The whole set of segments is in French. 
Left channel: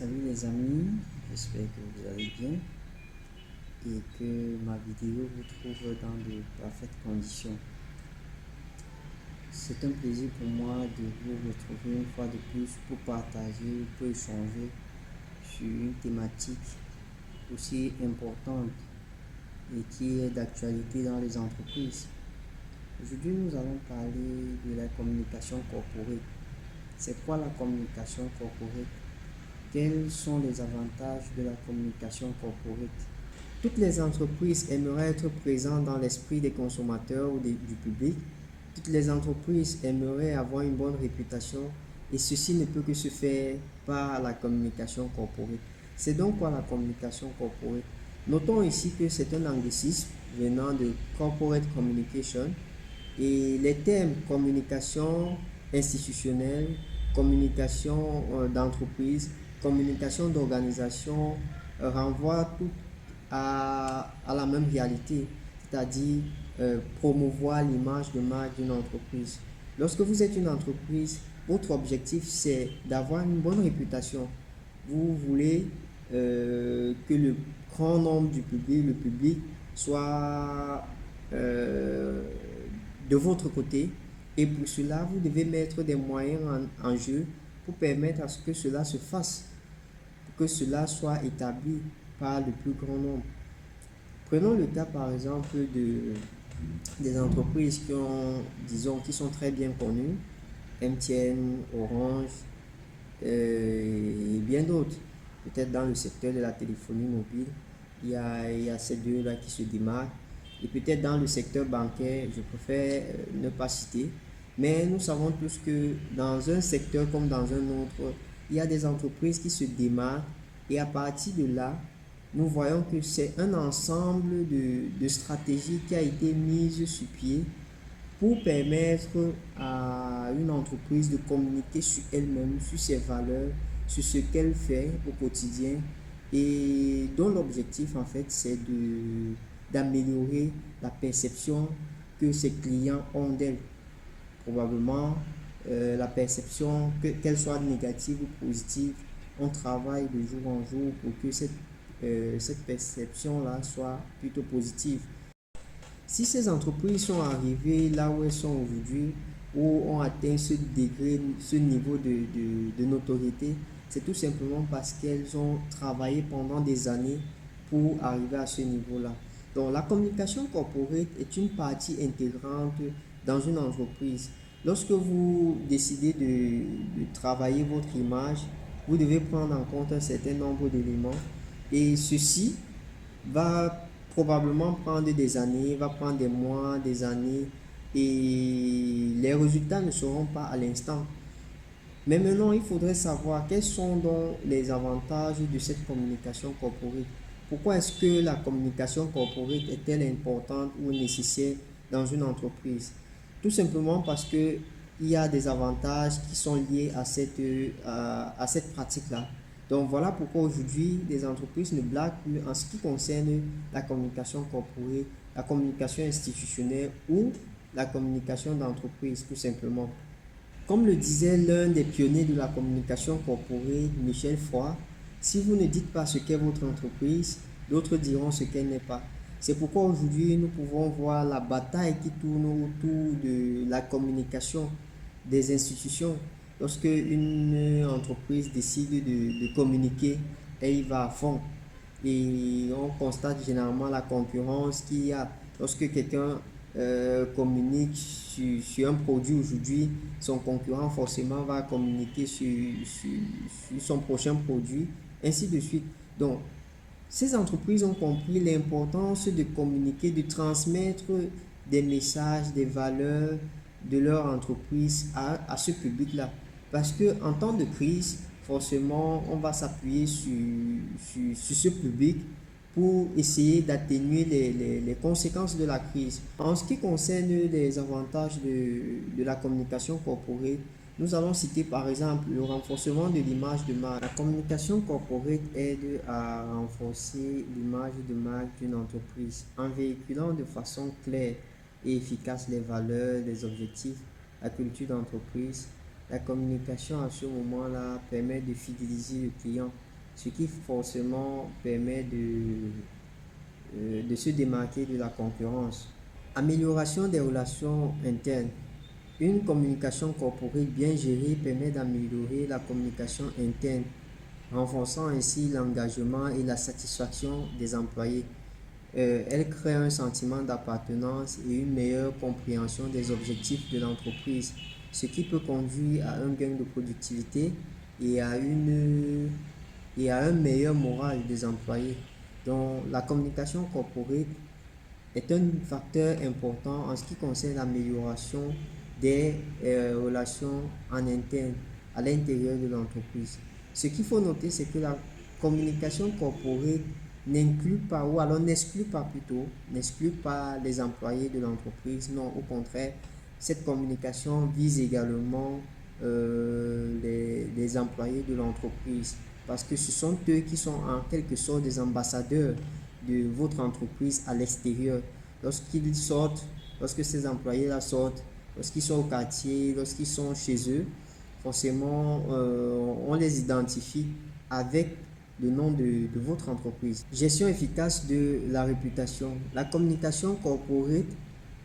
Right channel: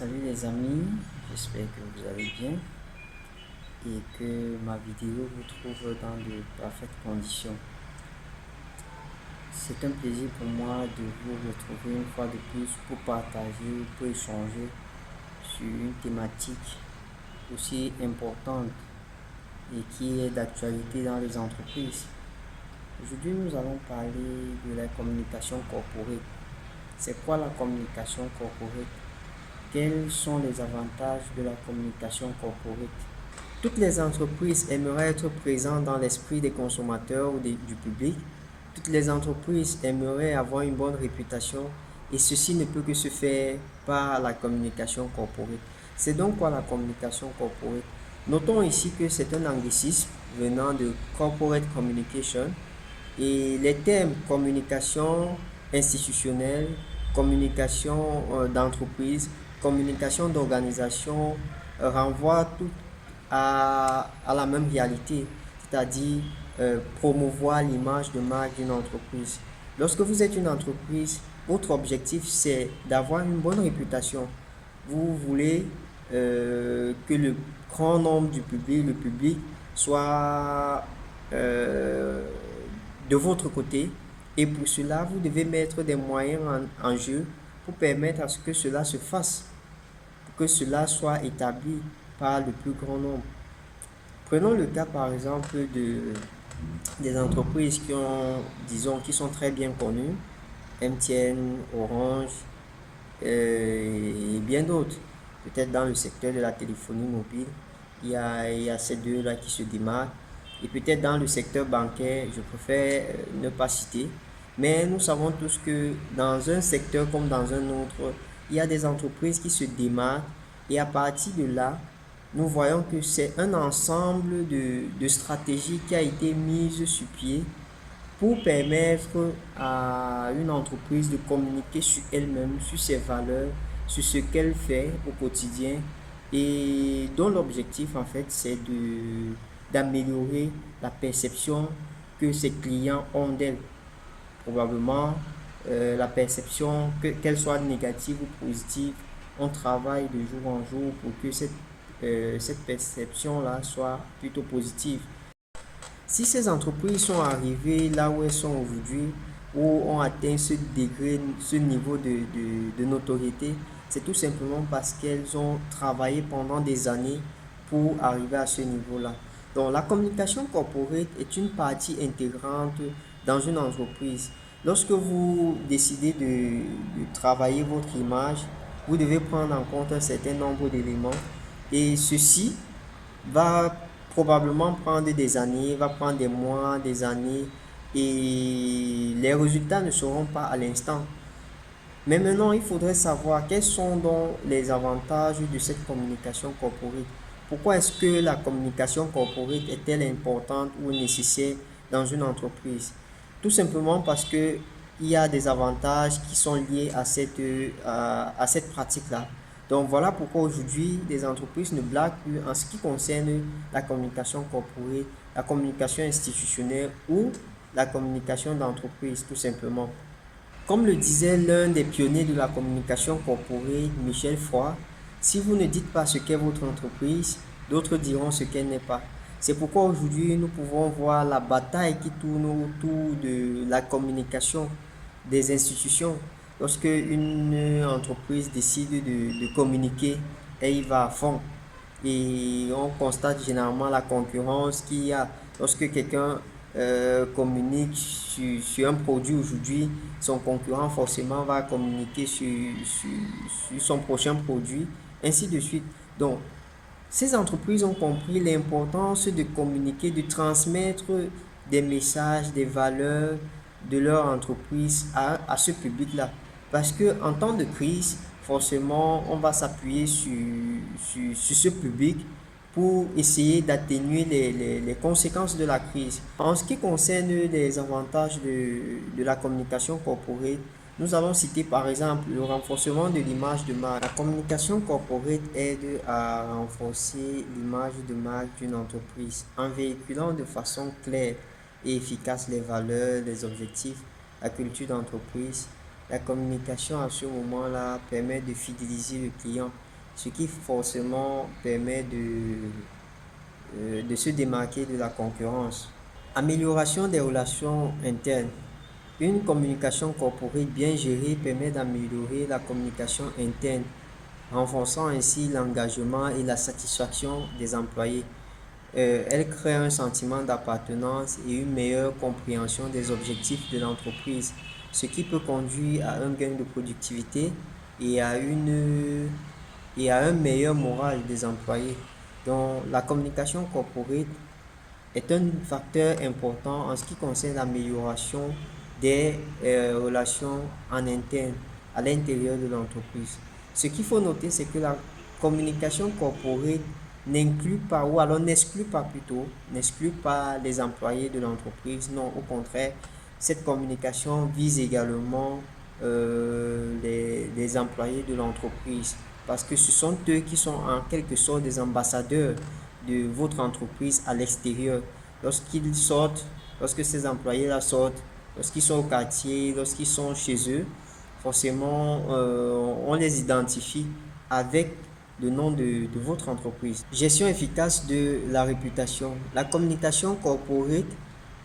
Salut les amis, j'espère que vous allez bien et que ma vidéo vous trouve dans de parfaites conditions. C'est un plaisir pour moi de vous retrouver une fois de plus pour partager, pour échanger sur une thématique aussi importante et qui est d'actualité dans les entreprises. Aujourd'hui, nous allons parler de la communication corporate. C'est quoi la communication corporate? Quels sont les avantages de la communication corporate? Toutes les entreprises aimeraient être présentes dans l'esprit des consommateurs ou du public. Toutes les entreprises aimeraient avoir une bonne réputation et ceci ne peut que se faire par la communication corporate. C'est donc quoi la communication corporate? Notons ici que c'est un anglicisme venant de corporate communication et les termes communication institutionnelle, communication d'entreprise, communication d'organisation renvoient tout à la même réalité, c'est-à-dire promouvoir l'image de marque d'une entreprise. Lorsque vous êtes une entreprise, votre objectif c'est d'avoir une bonne réputation. Vous voulez que le grand nombre du public, le public, soit de votre côté. Et pour cela, vous devez mettre des moyens en jeu pour permettre à ce que cela se fasse, pour que cela soit établi par le plus grand nombre. Prenons le cas par exemple des entreprises qui ont, disons, qui sont très bien connues, MTN, Orange et bien d'autres. Peut-être dans le secteur de la téléphonie mobile, il y a ces deux-là qui se démarquent. Et peut-être dans le secteur bancaire, je préfère ne pas citer. Mais nous savons tous que dans un secteur comme dans un autre, il y a des entreprises qui se démarquent. Et à partir de là, nous voyons que c'est un ensemble de stratégies qui a été mise sur pied pour permettre à une entreprise de communiquer sur elle-même, sur ses valeurs, sur ce qu'elle fait au quotidien et dont l'objectif en fait c'est d'améliorer la perception que ses clients ont d'elle. Probablement la perception, qu'elle soit négative ou positive, on travaille de jour en jour pour que cette perception-là soit plutôt positive. Si ces entreprises sont arrivées là où elles sont aujourd'hui, où ont atteint ce degré, ce niveau de notoriété, c'est tout simplement parce qu'elles ont travaillé pendant des années pour arriver à ce niveau-là. Donc la communication corporate est une partie intégrante dans une entreprise. Lorsque vous décidez de travailler votre image, vous devez prendre en compte un certain nombre d'éléments et ceci va probablement prendre des années, va prendre des mois, des années et les résultats ne seront pas à l'instant. Mais maintenant, il faudrait savoir quels sont donc les avantages de cette communication corporate. Pourquoi est-ce que la communication corporate est-elle importante ou nécessaire dans une entreprise? Tout simplement parce que il y a des avantages qui sont liés à cette pratique-là. Donc voilà pourquoi aujourd'hui les entreprises ne blaguent plus en ce qui concerne la communication corporate, la communication institutionnelle ou la communication d'entreprise tout simplement. Comme le disait l'un des pionniers de la communication corporate, Michel Froid, si vous ne dites pas ce qu'est votre entreprise, d'autres diront ce qu'elle n'est pas. C'est pourquoi aujourd'hui nous pouvons voir la bataille qui tourne autour de la communication des institutions. Lorsque une entreprise décide de communiquer, elle y va à fond. Et on constate généralement la concurrence qu'il y a. Lorsque quelqu'un communique sur un produit aujourd'hui, son concurrent forcément va communiquer sur son prochain produit, ainsi de suite. Donc, ces entreprises ont compris l'importance de communiquer, de transmettre des messages, des valeurs de leur entreprise à ce public-là. Parce que en temps de crise, forcément, on va s'appuyer sur ce public pour essayer d'atténuer les conséquences de la crise. En ce qui concerne les avantages de la communication corporate, nous allons citer par exemple le renforcement de l'image de marque. La communication corporate aide à renforcer l'image de marque d'une entreprise en véhiculant de façon claire et efficace les valeurs, les objectifs, la culture d'entreprise. La communication à ce moment-là permet de fidéliser le client ce qui forcément permet de se démarquer de la concurrence. Amélioration des relations internes. Une communication corporate bien gérée permet d'améliorer la communication interne, renforçant ainsi l'engagement et la satisfaction des employés. Elle crée un sentiment d'appartenance et une meilleure compréhension des objectifs de l'entreprise, ce qui peut conduire à un gain de productivité et à un meilleur moral des employés. Donc, la communication corporate est un facteur important en ce qui concerne l'amélioration des relations en interne à l'intérieur de l'entreprise. Ce qu'il faut noter, c'est que la communication corporate n'inclut pas, ou alors n'exclut pas plutôt, n'exclut pas les employés de l'entreprise. Non, au contraire, cette communication vise également les employés de l'entreprise, parce que ce sont eux qui sont en quelque sorte des ambassadeurs de votre entreprise à l'extérieur. Lorsqu'ils sortent, lorsque ces employés-là sortent, lorsqu'ils sont au quartier, lorsqu'ils sont chez eux, forcément, on les identifie avec le nom de votre entreprise. Gestion efficace de la réputation. La communication corporate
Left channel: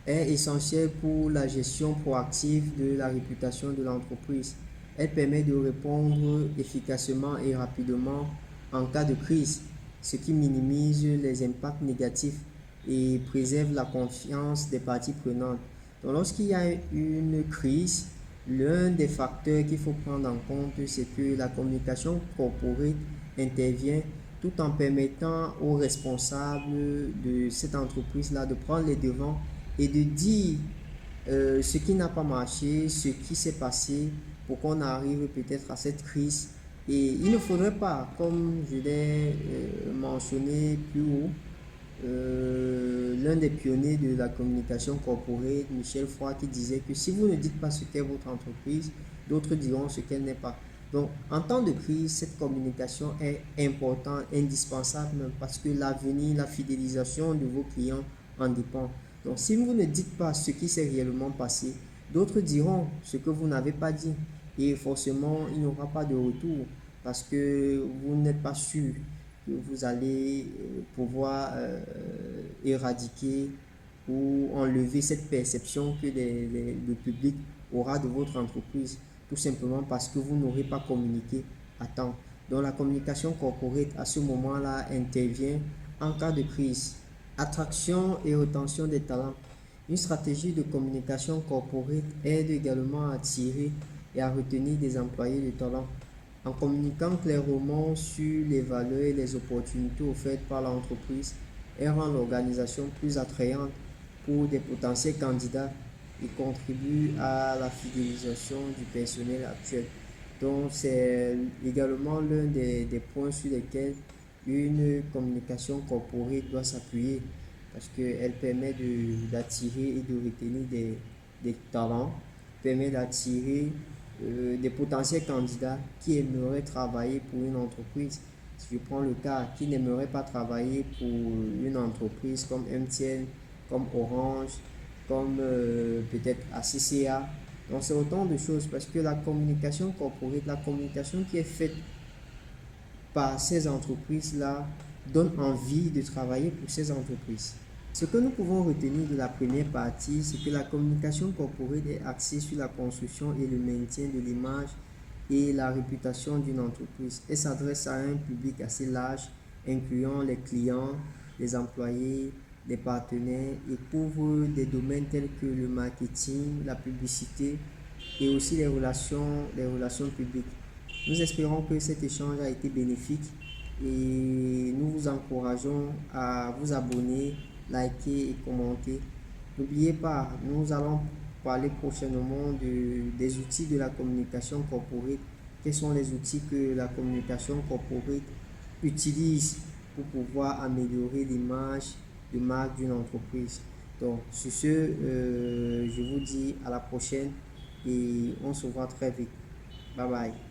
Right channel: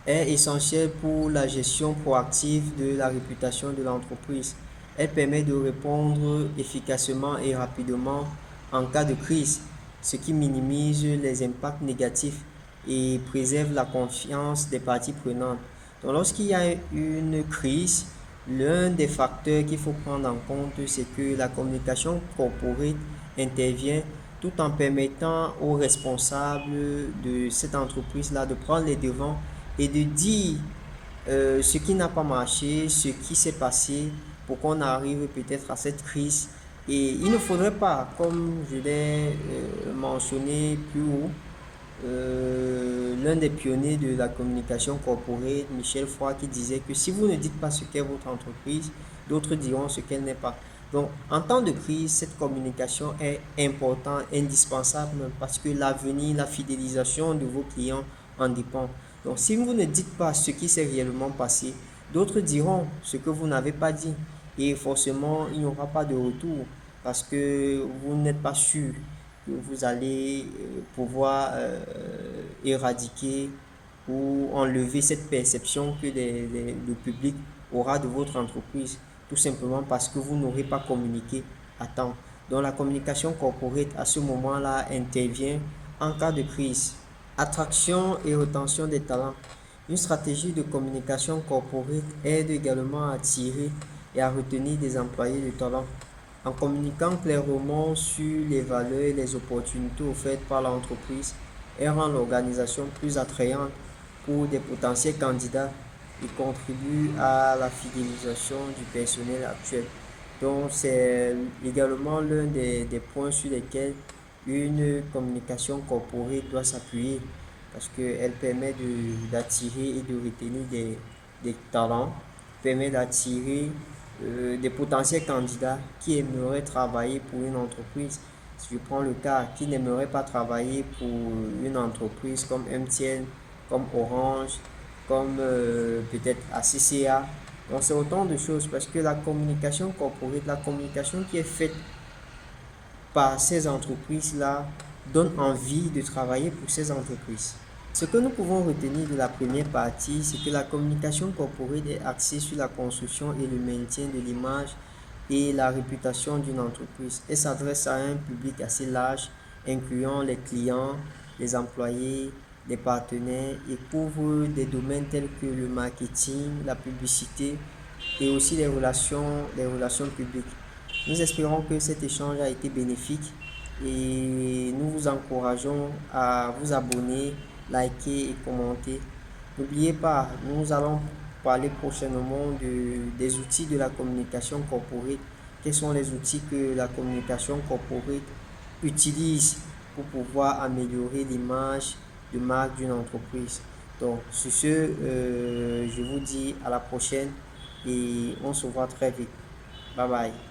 est essentielle pour la gestion proactive de la réputation de l'entreprise. Elle permet de répondre efficacement et rapidement en cas de crise, ce qui minimise les impacts négatifs et préserve la confiance des parties prenantes. Donc, lorsqu'il y a une crise, l'un des facteurs qu'il faut prendre en compte, c'est que la communication corporate intervient tout en permettant aux responsables de cette entreprise-là de prendre les devants et de dire ce qui n'a pas marché, ce qui s'est passé pour qu'on arrive peut-être à cette crise. Et il ne faudrait pas, comme je l'ai mentionné plus haut, l'un des pionniers de la communication corporate, Michel Froid, qui disait que si vous ne dites pas ce qu'est votre entreprise, d'autres diront ce qu'elle n'est pas. Donc, en temps de crise, cette communication est importante, indispensable, parce que l'avenir, la fidélisation de vos clients en dépend. Donc, si vous ne dites pas ce qui s'est réellement passé, d'autres diront ce que vous n'avez pas dit. Et forcément, il n'y aura pas de retour, parce que vous n'êtes pas sûr que vous allez pouvoir éradiquer ou enlever cette perception que le public aura de votre entreprise, tout simplement parce que vous n'aurez pas communiqué à temps. Donc la communication corporate à ce moment-là intervient en cas de crise. Attraction et rétention des talents. Une stratégie de communication corporate aide également à attirer et à retenir des employés de talent. En communiquant clairement sur les valeurs et les opportunités offertes par l'entreprise, elle rend l'organisation plus attrayante pour des potentiels candidats et contribue à la fidélisation du personnel actuel. Donc c'est également l'un des points sur lesquels une communication corporate doit s'appuyer, parce qu'elle permet d'attirer et de retenir des talents, permet d'attirer des potentiels candidats qui aimeraient travailler pour une entreprise. Si je prends le cas, qui n'aimerait pas travailler pour une entreprise comme MTN, comme Orange, comme peut-être ACCA. Donc c'est autant de choses, parce que la communication corporate, la communication qui est faite par ces entreprises-là, donne envie de travailler pour ces entreprises. Ce que nous pouvons retenir de la première partie, c'est que la communication corporate est axée sur la construction et le maintien de l'image et la réputation d'une entreprise. Elle s'adresse à un public assez large, incluant les clients, les employés, les partenaires, et couvre des domaines tels que le marketing, la publicité et aussi les relations publiques. Nous espérons que cet échange a été bénéfique et nous vous encourageons à vous abonner, liker et commenter. N'oubliez pas, nous allons parler prochainement des outils de la communication corporate. Quels sont les outils que la communication corporate utilise pour pouvoir améliorer l'image de marque d'une entreprise. Donc, sur ce, je vous dis à la prochaine et on se voit très vite. Bye bye.